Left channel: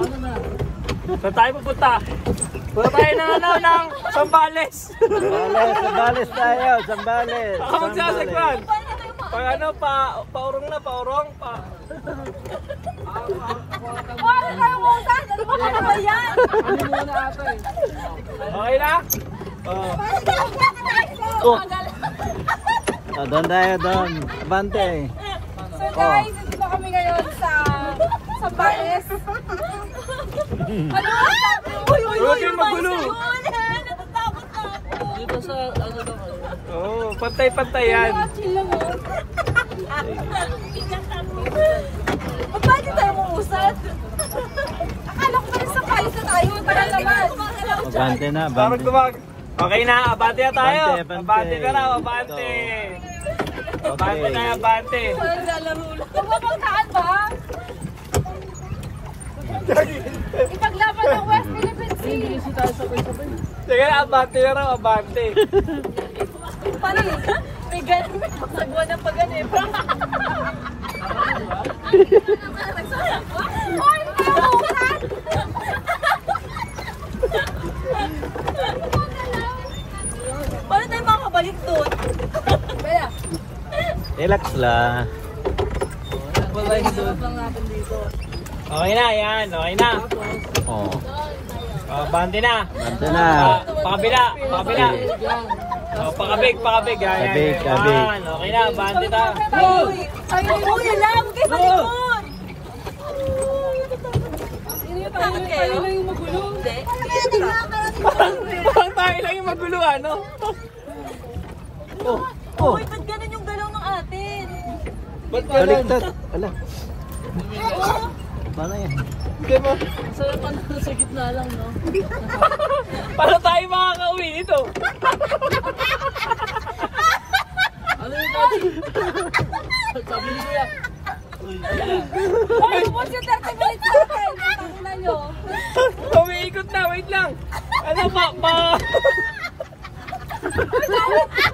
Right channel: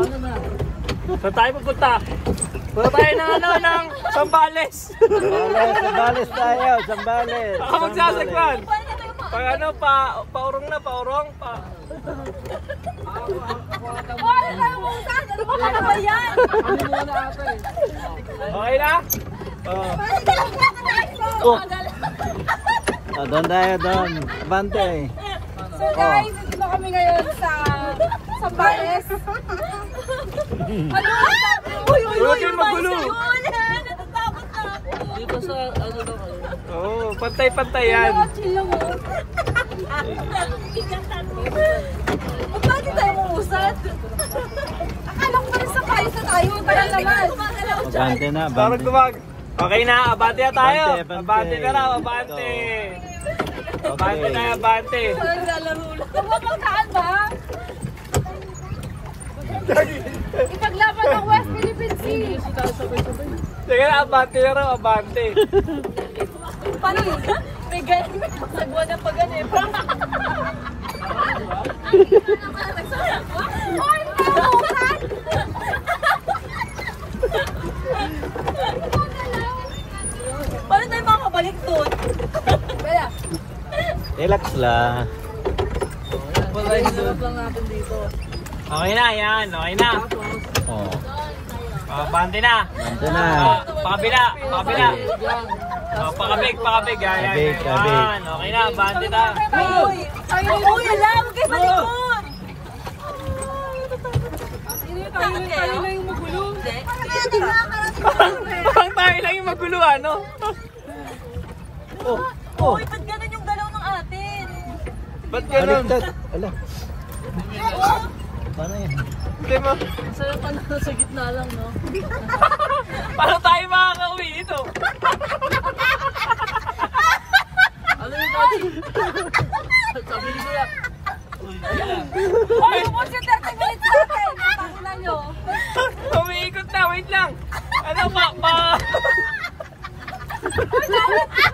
Saan tayo pupunta? Punta tayo ng ng Sambales. Ako magsasagwan. Pag ano, paurong na, paurong. Ano tayo mausan? Ano ba naman yan? Okay na? So guys, dito kami ngayon sa Sambales. Ano ba? Uy, Magulo. Oo, pantay-pantay yan. Bakit tayo mamusad? Akala ko pala sa palis na tayo. Tagal naman. Parang kumag. Okay na, abante na tayo. Abante na raw, abante. Abante na, abante. Parang lalaro lang. Kapapagkaan ba? Ipaglaban ng West Philippine Sea. Sige na, abante na raw, abante. Parang may ganyan. Nagsagwa na pa ganyan. Nagsasagwa? Ay, nauusan! Paano tayo makakabalik doon? Kaya? Relax lang. Okay na, yan. Okay na. Abante na. Pakabila, pakabila. Pakabig. Yan. Okay na, abante na. Ay, uy lang! Huwag kayo malikod! Bakit kayo? Yung magulo. Parang tayo lang yung magulo, ano? Uy, ba't ganun yung galaw ng atin? Ba't ganun? Hindi mo. Sa'yo pa na sa gitna lang, no? Paano tayo makakauwi nito? Ano yung dati? Sabi ni Kuya. Uy, po si 30 minutes natin. Pakina nyo. Umiikot na, wait lang. Ano ba? Uy, dawit!